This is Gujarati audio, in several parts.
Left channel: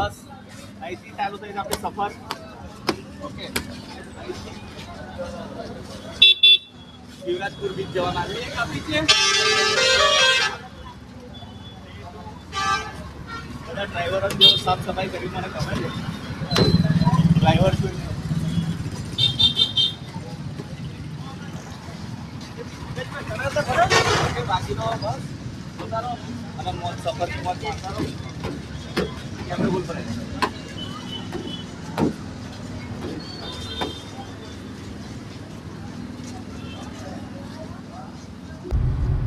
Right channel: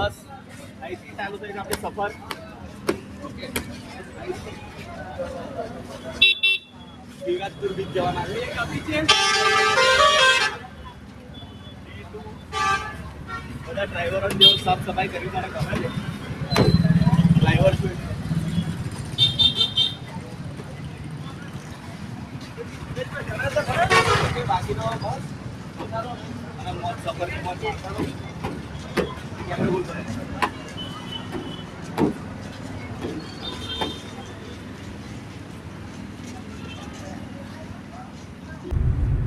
બસ અહીંથી ચાલુ થઈ આપણી સફર. ઓકે, શિવરાજપુર બીચ જવાના છે. બધા ડ્રાઈવરો જેવો સાફ સફાઈ કરી મને ગમે છે. ડ્રાઈવર છું એટલે બાકીનો બસ ઉતારો અને મોજ સફરની મોજ ઉતારો. કેમેરો ભૂલ પડે.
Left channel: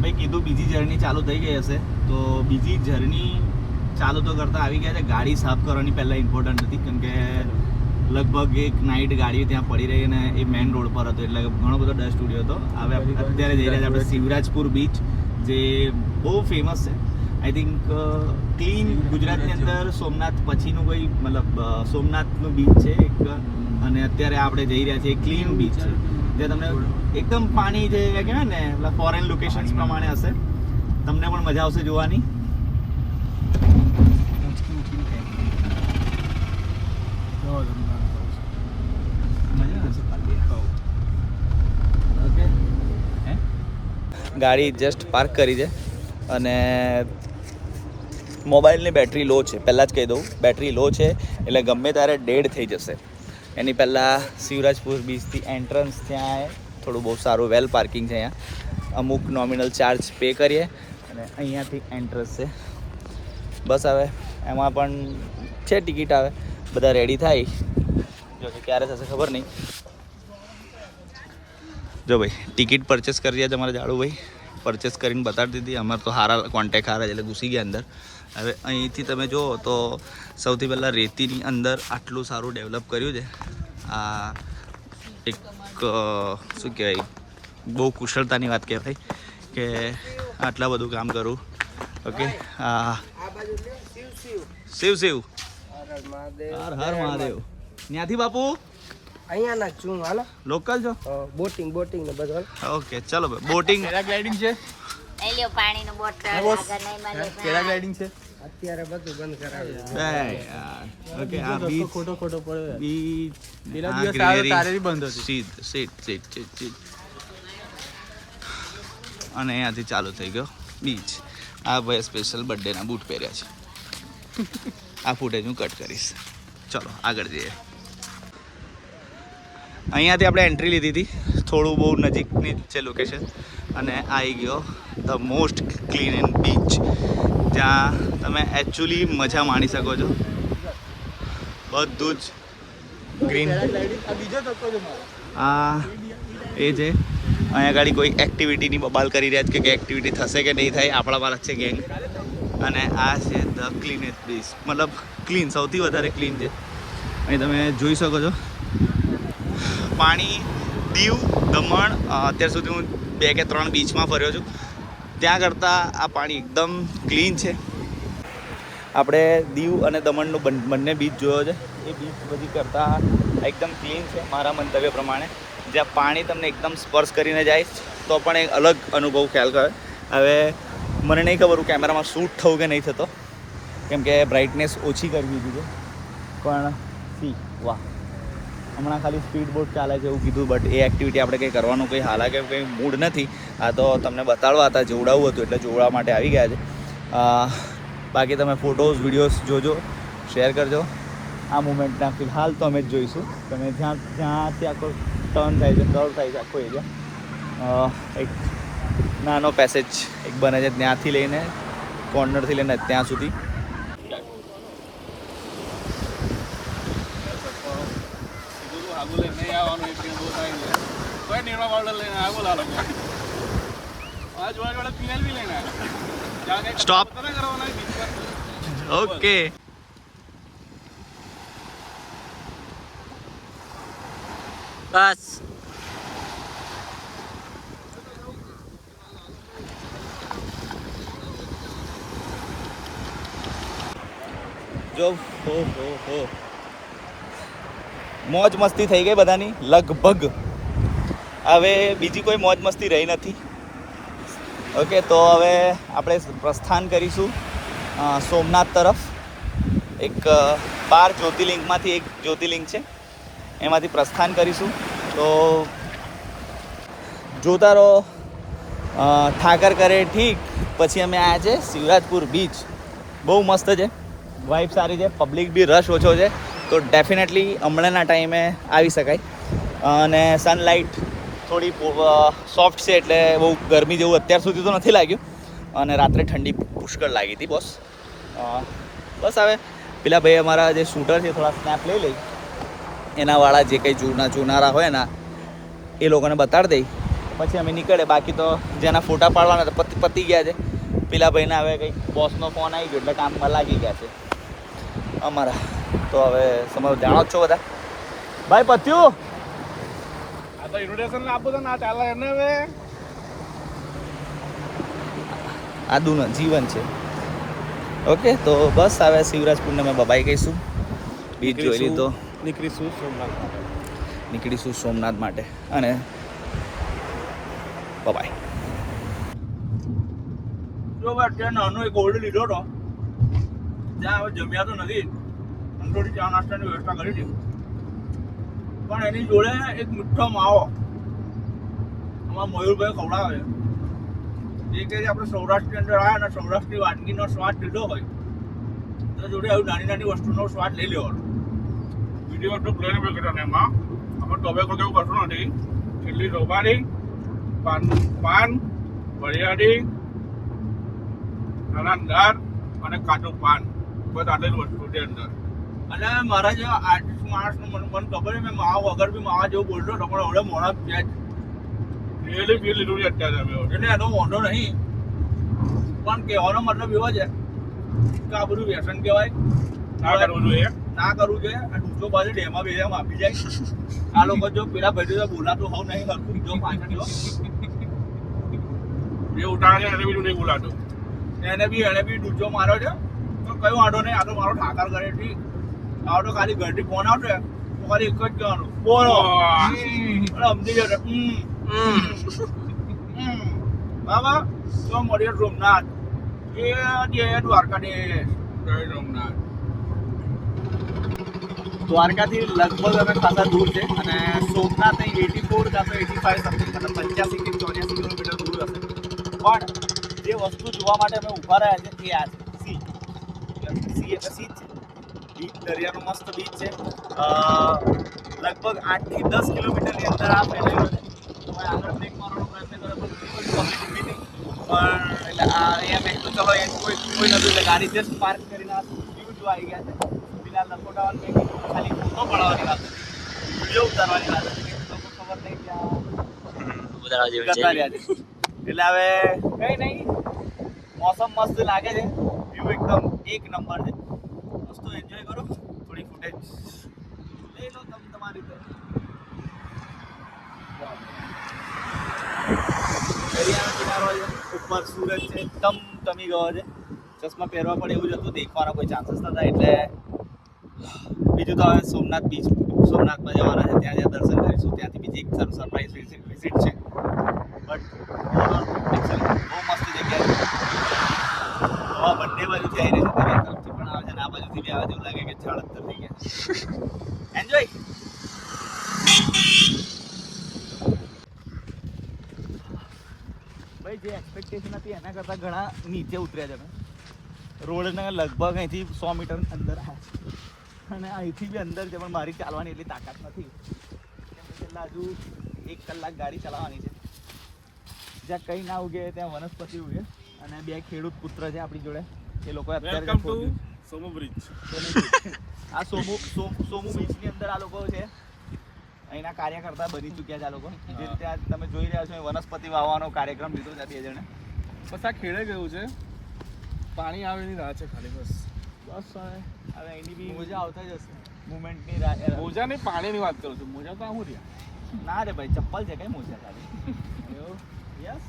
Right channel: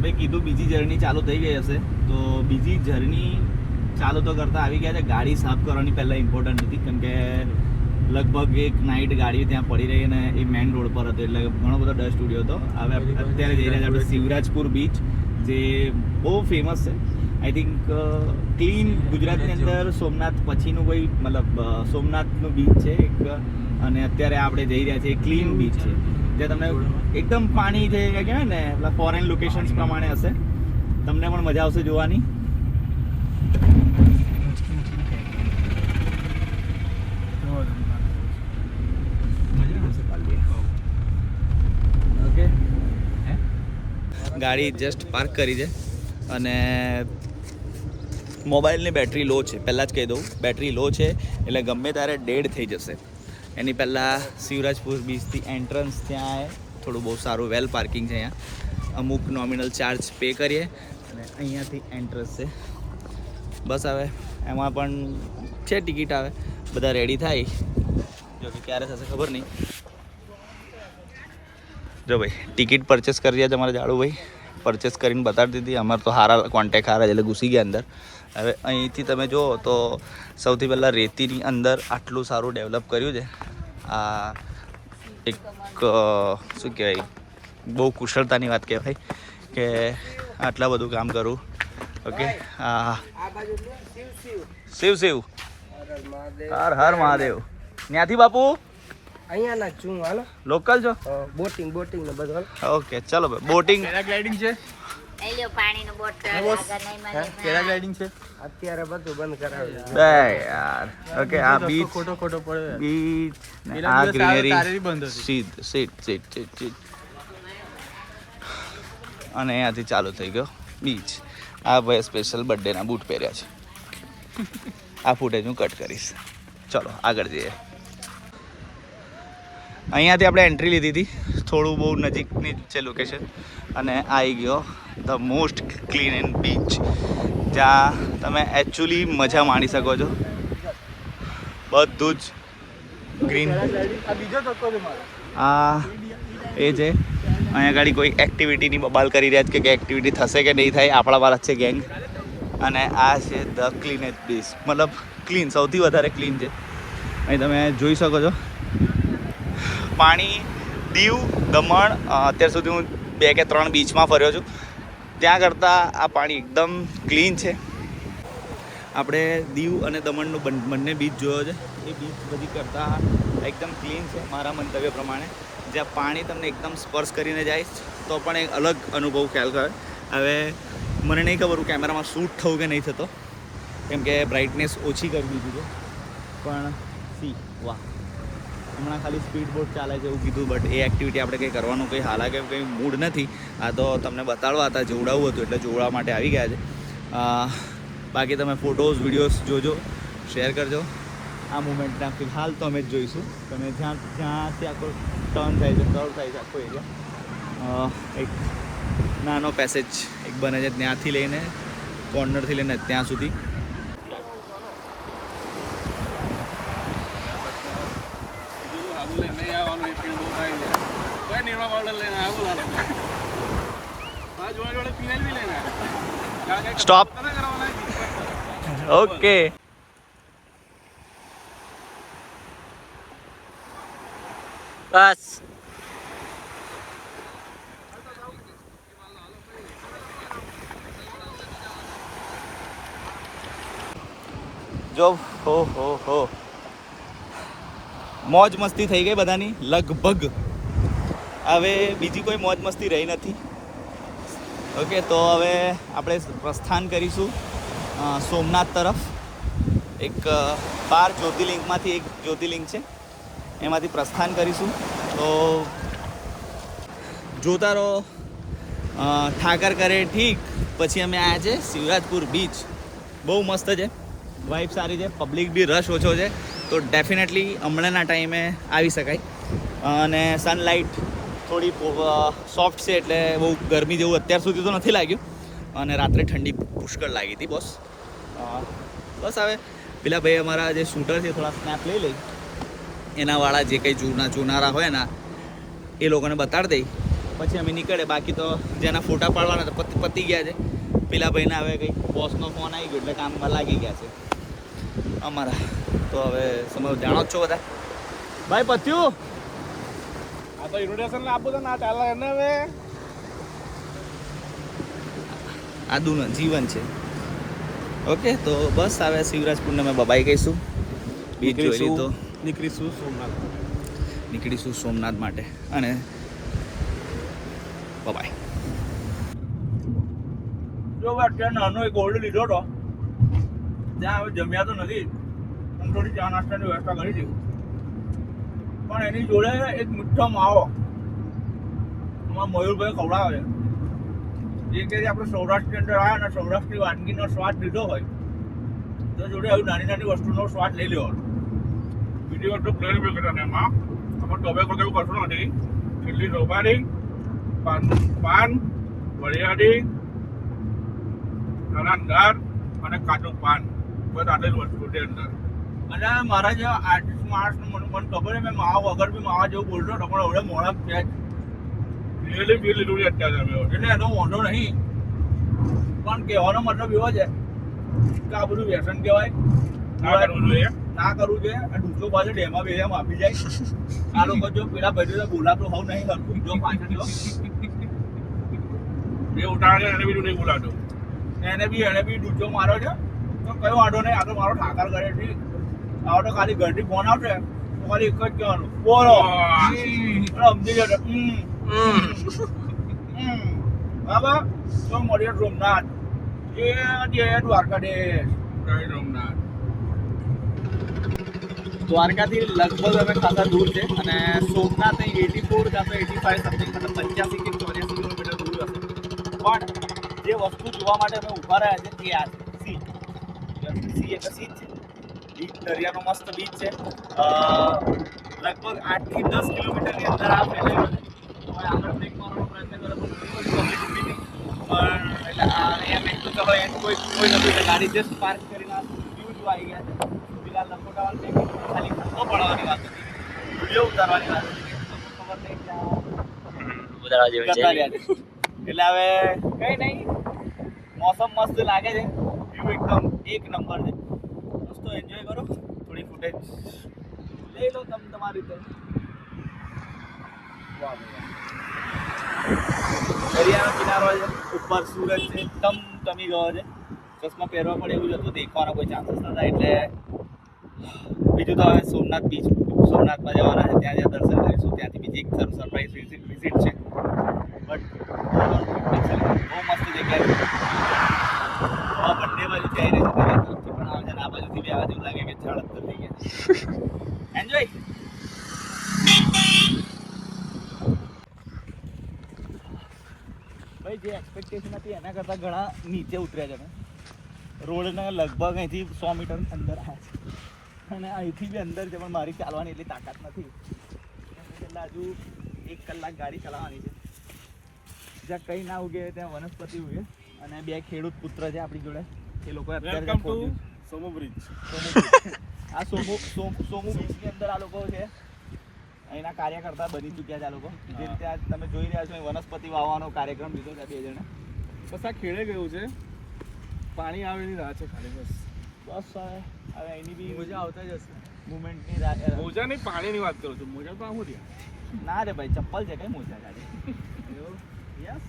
ભાઈ કીધું બીજી જર્ની ચાલુ થઈ ગઈ હશે, તો બીજી જર્ની ચાલુ તો કરતા આવી ગયા છે. ગાડી સાફ કરવાની પહેલાં ઇમ્પોર્ટન્ટ હતી, કેમ કે લગભગ એક નાઇટ ગાડી ત્યાં પડી રહી અને એ મેઇન રોડ પર હતો, એટલે ઘણો બધો ડસ્ટ ઉડ્યો હતો. હવે અત્યારે જઈ રહ્યા છે આપણે શિવરાજપુર બીચ, જે બહુ ફેમસ છે. આઈ થિંક ક્લીન ગુજરાતની અંદર સોમનાથ પછીનું કોઈ મતલબ સોમનાથનું બીચ છે એક, અને અત્યારે આપણે જઈ રહ્યા છીએ ક્લીન બીચ છે, જે તમને એકદમ પાણી જે કહેવાય ને ફોરેન લોકેશન્સ પ્રમાણે હશે. તમને પણ મજા આવશે જોવાની. ઓકે, ગાડી જસ્ટ પાર્ક કરી છે અને મોબાઈલની બેટરી લો છે. પહેલાં જ કહી દઉં, બેટરી લો છે એટલે ગમે ત્યારે ડેડ થઈ જશે. એની પહેલાં શિવરાજપુર બીચથી એન્ટ્રન્સ ત્યાં થોડું બહુ સારું વેલ પાર્કિંગ છે. અહીંયા અમુક નોમિનલ ચાર્જ પે કરીએ અને અહીંયાથી એન્ટ્રન્સ છે. બસ હવે એમાં પણ છે ટિકિટ. આવે બધા રેડી થાય, જો કે ક્યારે થશે ખબર નહીં. જો ભાઈ ટિકિટ પરચેસ કરી રહ્યા છે અમારા જાડુભાઈ, પરચેસ કરીને બતાડી દીધી. અમારે તો હારા કોન્ટેક્ટ હારા એટલે ઘૂસી ગયા અંદર. હવે અહીંથી તમે જુઓ તો સૌથી પહેલાં રેતીની અંદર આટલું સારું ડેવલપ કર્યું છે. આ એક શું કહેવાય, બહુ કુશળતાની વાત કહેવાય કે આટલા બધું કામ કરું. ઓકે, હા શિવ શિવ હર હર મહાદેવ. ત્યાંથી બાપુ અહીંયા ના છું, હાલો લોકલ છો? બોટિંગ ને બધું. ઓકે ચલો ભાઈ, બોટિંગ પેરાગ્લાઇડિંગ છે. પાણીનું બોટલ પેરાગ્લાઇડિંગ છે. અત્યારે બધું બંધ કરાવ્યું બે યાર. ઓકે, આ બીચ ખોટો પડે. બીચ પેલા આ દિવસ ગ્રીનરી તારે બી બંધ હતી. સીટ અને અહીંયાથી ચાલુ થઈ ગયો બીચ. આ ભાઈ સ્પેશિયલ બર્થડેના બૂટ પહેર્યા છે. આ ફૂટેજ હું કટ કરીશ. ચલો આગળ જઈએ. અહીંયાથી આપણે એન્ટ્રી લીધી હતી, થોડું બહુ નજીકની છે લોકેશન, અને આવી ગયો the most clean and beach, જ્યાં તમે એકચ્યુઅલી મજા માણી શકો છો. બધું જ ગ્રીન. આ એ છે, અહીંયા ગાડી કોઈ એક્ટિવિટીની બબાલ કરી રહ્યા છે કે એક્ટિવિટી થશે કે નહીં થાય, આપણા વાળા છે ગેંગ. અને આ છે ધ ક્લીનેસ્ટ બીચ, મતલબ ક્લીન, સૌથી વધારે ક્લીન છે. અહીં તમે જોઈ શકો છો પાણી. દીવ, દમણ, અત્યાર સુધી હું 2 કે 3 બીચમાં ફર્યો છું, ત્યાં કરતાં આ પાણી એકદમ ક્લીન છે. આપણે દીવ અને દમણનું બંને બીચ જોયો છે, એ બીચ બધી કરતાં એકદમ ક્લીન છે મારા મંતવ્ય પ્રમાણે. જ્યાં પાણી તમને એકદમ સ્પર્શ કરીને જાય તો પણ એક અલગ અનુભવ ખ્યાલ કરે. હવે મને નહીં ખબર હું કેમેરામાં શૂટ થવું કે નહીં થતો, કેમ કે બ્રાઇટનેસ ઓછી કરી દીધી છે. પણ સી વાહ, હમણાં ખાલી સ્પીડ બોટ ચાલે છે એવું કીધું, બટ એ એક્ટિવિટી આપણે કંઈ કરવાનું કંઈ હાલાકે કંઈ મૂડ નથી. આ તો તમને બતાડવા હતા, જોવડાવવું હતું એટલે જોવડાવવા માટે આવી ગયા છે. બાકી તમે ફોટોઝ વિડીયોઝ જોજો, શેર કરજો. આ મુમેન્ટના ફિલહાલ તો અમે જ જોઈશું. તમે જ્યાંથી આખો ટર્ન થાય છે, કર્વ થાય છે આખો એરિયા. એક નાનો પેસેજ એક બને છે ત્યાંથી લઈને કોર્નરથી લઈને ત્યાં સુધી. સ્ટોપ. ઓકે, બસ જો હો મોજ મસ્તી થઈ ગઈ બધાની લગભગ. હવે બીજી કોઈ મોજ મસ્તી રહી નથી. ઓકે, તો હવે આપણે પ્રસ્થાન કરીશું સોમનાથ તરફ. એક 12 જ્યોતિર્લિંગમાંથી એક જ્યોતિર્લિંગ છે, એમાંથી પ્રસ્થાન કરીશું. તો જોતા રહો. ઠાકર કરે ઠીક પછી અમે આવ્યા છે શિવરાજપુર બીચ. બહુ મસ્ત છે, વાઇબ સારી છે, પબ્લિક બી રશ ઓછો છે, તો ડેફિનેટલી હમણાંના ટાઈમે આવી શકાય. અને સનલાઇટ થોડી સોફ્ટ છે એટલે બહુ ગરમી જેવું અત્યાર સુધી તો નથી લાગ્યું. અને રાત્રે ઠંડી પુષ્કળ લાગી હતી બોસ. બસ હવે પેલા ભાઈ અમારા જે શૂટર છે થોડા સ્નેપ લઈ લઈ, એનાવાળા જે કંઈ જોનારા હોય ને એ લોકોને બતાડી દઈ, પછી અમે નીકળે. બાકી તો જેના ફોટા પાડવાના તો પતી ગયા છે. પેલા ભાઈને હવે કંઈક બોસનો ફોન આવી ગયો એટલે કામમાં લાગી ગયા છે અમારા. તો હવે સમજ જાણો જ છો બધા. ભાઈ પત્યું ઇન્વિટેશન આપો તો ના ચાલે એને હવે. આદુનું જીવન છે. ઓકે, તો બસ હવે શિવરાજપુરને અમે બબાઈ કહીશું. બીચ જોઈ લીધો, નીકળીશું સોમનાથ માટે. નીકળીશું સોમનાથ માટે અને બબાઈ. જો અત્યારે નાનો એક ઓલ્ડ લીધો હતો, ત્યાં હવે જમ્યા તો નથી પણ થોડી ચા નાસ્તાની વ્યવસ્થા કરી હતી. પણ એની જોડે એક મીઠો માવો અમારા મયુરભાઈ ખવડાવે. જે કે આપણે સૌરાષ્ટ્રની અંદર આવ્યા અને સૌરાષ્ટ્રની વાનગીનો સ્વાદ લીધો હોય તો જોડે આવી નાની નાની વસ્તુનો સ્વાદ લઈ લેવાનો. વિડીયો તો પ્લેન પર કર્યો ને એમાં અમારે ટોબેકો કેવું કશું નથી. એટલી રોબાડી, પાન, વરિયાળી, નાના દાળ અને કાચું પાન, બસ આટલી વસ્તુ છે અંદર. અને મારા જેવા આર્ટિસ્ટ માણસનું મને ખબર છે, મેં માવા વગર બી માવા જેવું બોલતો હતો પણ હવે મોડા છે જ. રિયલી ફીલ લીધું છે અત્યારે અમે. એટલે એનો વાંધો નહીં, પણ કહેવાનો મતલબ એવો છે કે આ બધું વ્યસન કહેવાય, ના કરવું જોઈએ. ના કરવું જોઈએ. આ ડૂચો બાજુ ડેમાં બેમાં આપી જાય. આ લોકો જો પેલા ભાઈ તો બોલાતું હોવ નહીં હરતું જો પાછળ એ ઉતારે એને બીજું નહીં બોલાતું. એને બી ડૂચો માર્યો છે. પણ કયો વાંધો નહીં, આ તો મારો ઠાકર કરે ઠીક. આ તો ખાલી ઘરથી ફોન આવશે તો ખાલી એક જ કહેવાનું, બોલો. સમજી જશે. બાબા તો મળીએ સોમનાથ. જય દ્વારકાધીશ. જય સોમનાથ. દ્વારકાથી લગભગ અમે ખાસા દૂર છે અને સોમનાથ 84 કાં તો 85 સમથિંગ, મતલબ 85 કે 84 કિલોમીટર દૂર હશે. પણ જે વસ્તુ જોવા માટે અમે ઊભા રહ્યા છે એ આ છે સી. સી એટલે સી જ છે. બીચ, દરિયાનો મસ્ત બીચ છે. લગભગ 8 થી 10 કિલોમીટરની અંદર આ ફેલાયું છે. હવે આગળ બ્રેક મારવાનો પ્રયત્ન કર્યો તો ઘણી બધી પબ્લિક ઊભી હતી. પણ એટલે અહીંયા મેં કીધું ચલો એ કોઈ નહોતું એટલે ગાડી જસ્ટ પાર્ક કરીને આ વ્યૂ જોવા આવી ગયા છે. પેલા લખોટાવાળ મેં કીધું ખાલી ફોટો પડાવવાની વાત હતી, વિડીયો ઉતારવાની વાત હતી કે લોકો ખબર નહીં ત્યાં જતા રહ્યા છે. એટલે હવે કંઈ નહીં, મોસમ મસ્ત લાગે છે, વ્યૂ એકદમ એક નંબર છે. દોસ્તો એન્જોય કરો, થોડી ફૂટેજ લઈ લો તમે તમારી રીતે. દરિયાનો કિનારો છે, ઉપર સૂરજ છે, ટમી ગયો છે. ચશ્મા પહેરવા પડે એવું જ હતું, દેખવાના કોઈ ચાન્સીસ નતા. એટલે બીજું તો હવે સોમનાથ બીચ, સોમનાથમાં જવાના છે, ત્યાં દર્શન કરીશું. ત્યાંથી બીજી એક સરપ્રાઈઝ વિઝિટ છે. બટ બહુ મસ્ત જગ્યા છે. હવા બંને બાજુથી આવી રહી છે, દરિયા તરફથી પણ આવે છે, આ બાજુથી બી આવે એવું લાગે કે ઝાડ અંદર થઈ ગયા. એન્જોય. ભાઈ જે એક્સપેક્ટેશન હતી એના કરતાં ઘણા નીચે ઉતર્યા છે. અમે રોડને લગભગ અહીંથી 100 મીટર અંદર આવ્યા અને અહીંથી બી અંદર છે, પણ મારી ચાલવાની એટલી તાકાત નથી. છેલ્લા હજુ 1 કલાક ગાડી ચલાવવાની છે. જ્યાં કંઈ ના ઉગે ત્યાં વનસ્પતિ ઉગે. અને 2 ખેડૂત પુત્ર છે આપણી જોડે, એ લોકો અત્યારે સોમુ બ્રિજ. આ સોમુ બીચની અંદર આ લોકો છે, અહીંના કાર્યકર્તા બની ચૂક્યા છે આ લોકો. જે રીતે આજ તમે જોઈ રહ્યા છો વનસ્પતિ વાવવાનો કાર્યક્રમ લીધો છે 2 જણે. બસ આ ખેડે ગયું છે, પાણી આવેની રાહ છે ખાલી. બસ હવે એની બી મોજા આવતા જ હશે. મુવમેન્ટની રાહ. મોજા નહીં, પાણીની વાત કરું છું. મોજા તો આવું રહ્યા. ના રે ભાઈ, ચપ્પલ છે કઈ મોજા ખાલી. યસ,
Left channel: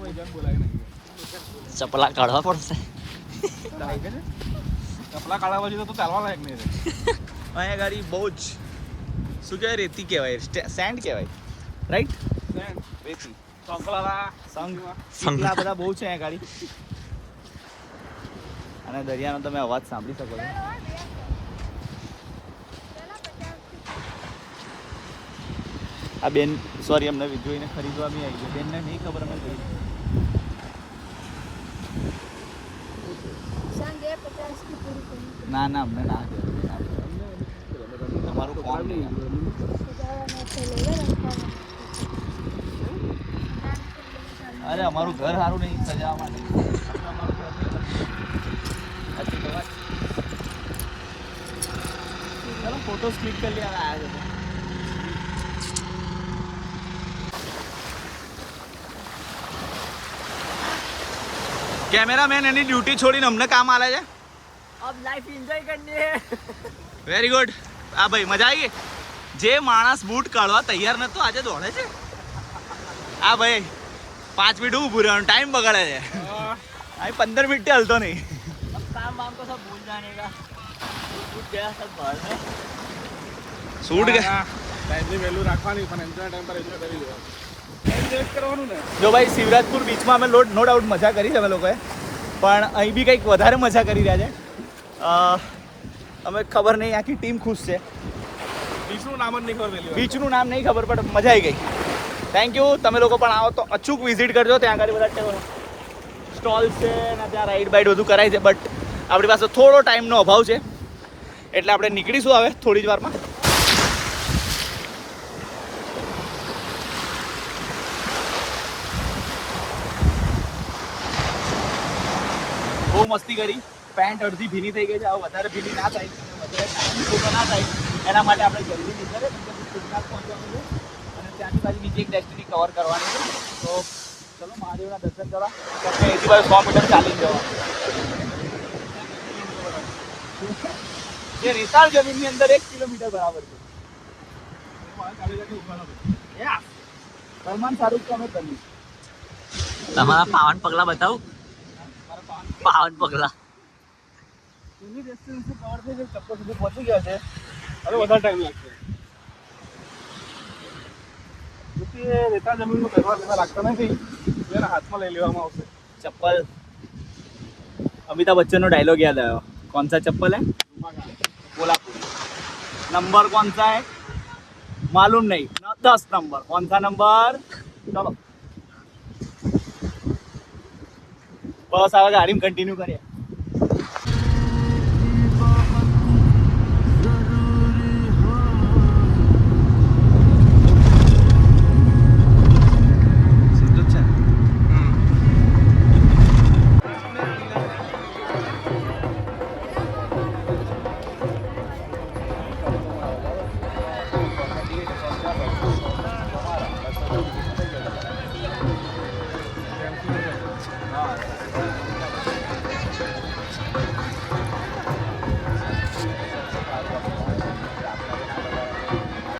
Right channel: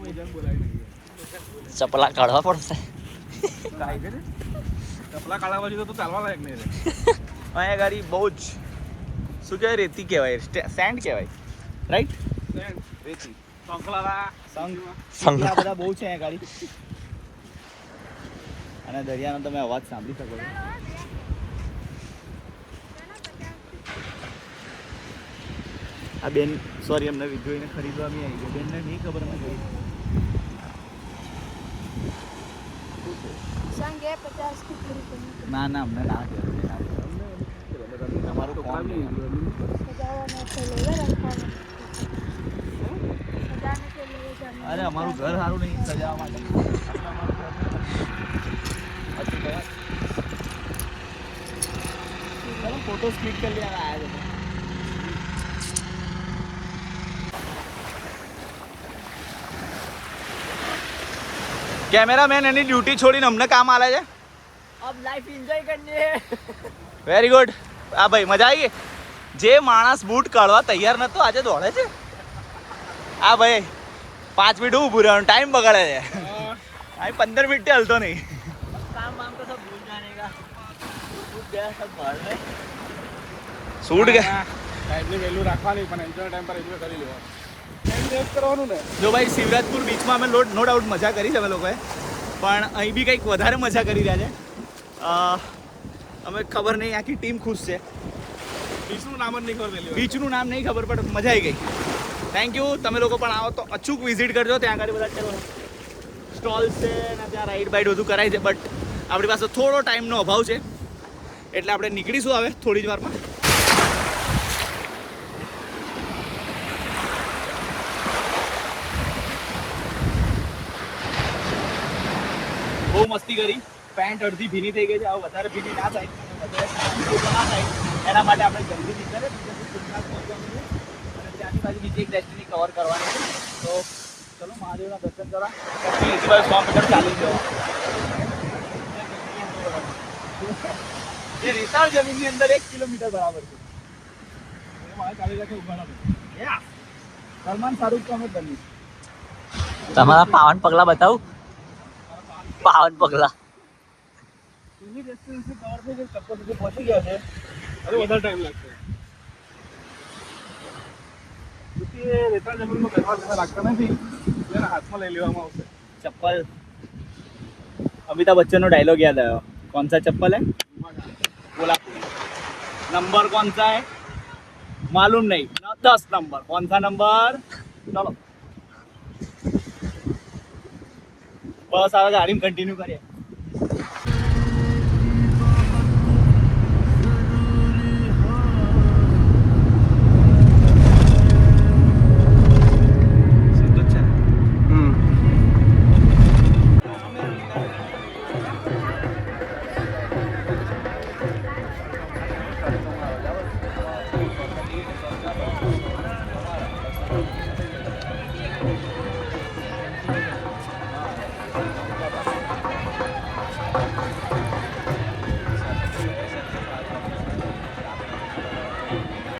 વજન બોલાવી ચપલા કાઢવા પડશે. ચપલા કાઢવા પછી તો ચાલવા લાયક નહીં રહે. અહીંયા ગાડી બહુ જ શું કહેવાય, રેતી કહેવાય, સેન્ડ કહેવાય, રાઈટ? રેતી, શંખ, આ બધા બહુ છે અહીંયા ગાડી. અને દરિયાનો તમે અવાજ સાંભળી શકો છો. આ બેન સોરી અમને જોઈને ખરીદવા બી આવી ગઈ. બેનને નહીં ખબર અમે જોઈ. ના ના અમને ના કહેવાય. તમારું કોમ નહીં. અરે અમારું ઘર સારું નહીં સજાવવા માટે. ચાલો ફોટોસ ક્લિક કરી લેવા આવ્યા છે. કેમેરામેન એની ડ્યુટી છોડીને અમને કામ આલે છે. अब लाइफ एंजॉय करनी है. Very good. હા ભાઈ મજા આવી ગઈ. જે માણસ બૂટ કાઢવા તૈયાર નતો આજે દોડે છે. હા ભાઈ 5 મિનિટ ઊભું રહેવાનું ટાઈમ બગાડે છે. આ 15 મિનિટ હલતો નહીં. काम वाम को सब भूल जाने का. छूट गया सब बाहर में. શૂટ ગયા. ટાઈમની વેલ્યુ રાખવાની પણ એન્જોય ટાઈમ પર એન્જોય કરી લેવાનું. એન્જોય કરવાનું ને. જો ભાઈ શિવરાજપુર બીચમાં અમે નો ડાઉટ મજા કરી છે અમે લોકોએ, પણ અહીં બી કંઈક વધારે મજા કરી રહ્યા છે. અમે ખબર નહીં આખી ટીમ ખુશ છે. બીચનું નામ જ નહીં ખબર પેલી વાર. બીચનું નામ નહીં ખબર પણ મજા આવી ગઈ. Thank you. તમે લોકો પણ આવો તો અચૂક વિઝિટ કરજો. ત્યાં આગળ બધા સ્ટોલ્સ છે અને ત્યાં રાઈડ બાઈડ બધું કરાય છે, બટ આપણી પાસે થોડો ટાઈમનો અભાવ છે એટલે આપણે નીકળીશું હવે થોડી જ વારમાં. બહુ મસ્તી કરી. પેન્ટ અડધી ભીની થઈ ગઈ છે. હવે વધારે ભીની ના થાય અને વધારે ટાઈમ ખોટો ના થાય એના માટે આપણે જલ્દી નીકળે પહોંચવાનું છે અને ત્યાંની બાજુ બીજી એક ડેસ્ટિની કવર કરવાની છે. તો ચલો મહાદેવના દર્શન કરવા. એથી બાજુ 100 મીટર ચાલી જવા. એ રેતાળ જમીનની અંદર 1 કિલોમીટર બરાબર છે. ચાલી રાખે ઉભા સલમાન શાહરુખ તો અમે બની. તમારા પાવન પગલા બતાવું. પાવન પગલા. એની ડિસ્ટન્સ કવર થઈ ગઈ. ચપ્પલ સુધી પહોંચી ગયા છે. અરે વધારે ટાઈમ લાગશે. એ રેતાળ જમીનનું કહેવા રાખતા નથી એટલે હાથમાં લઈ લેવામાં આવશે. चप्पल. अमिताभ बच्चन नो डायलॉग याद आया. कौन सा चप्पल है? कोल्हापुरी. नंबर कौन सा है मालूम नहीं. 10 नंबर. कौन सा नंबर? चलो बस आगे गाड़ी में कंटिन्यू करिए.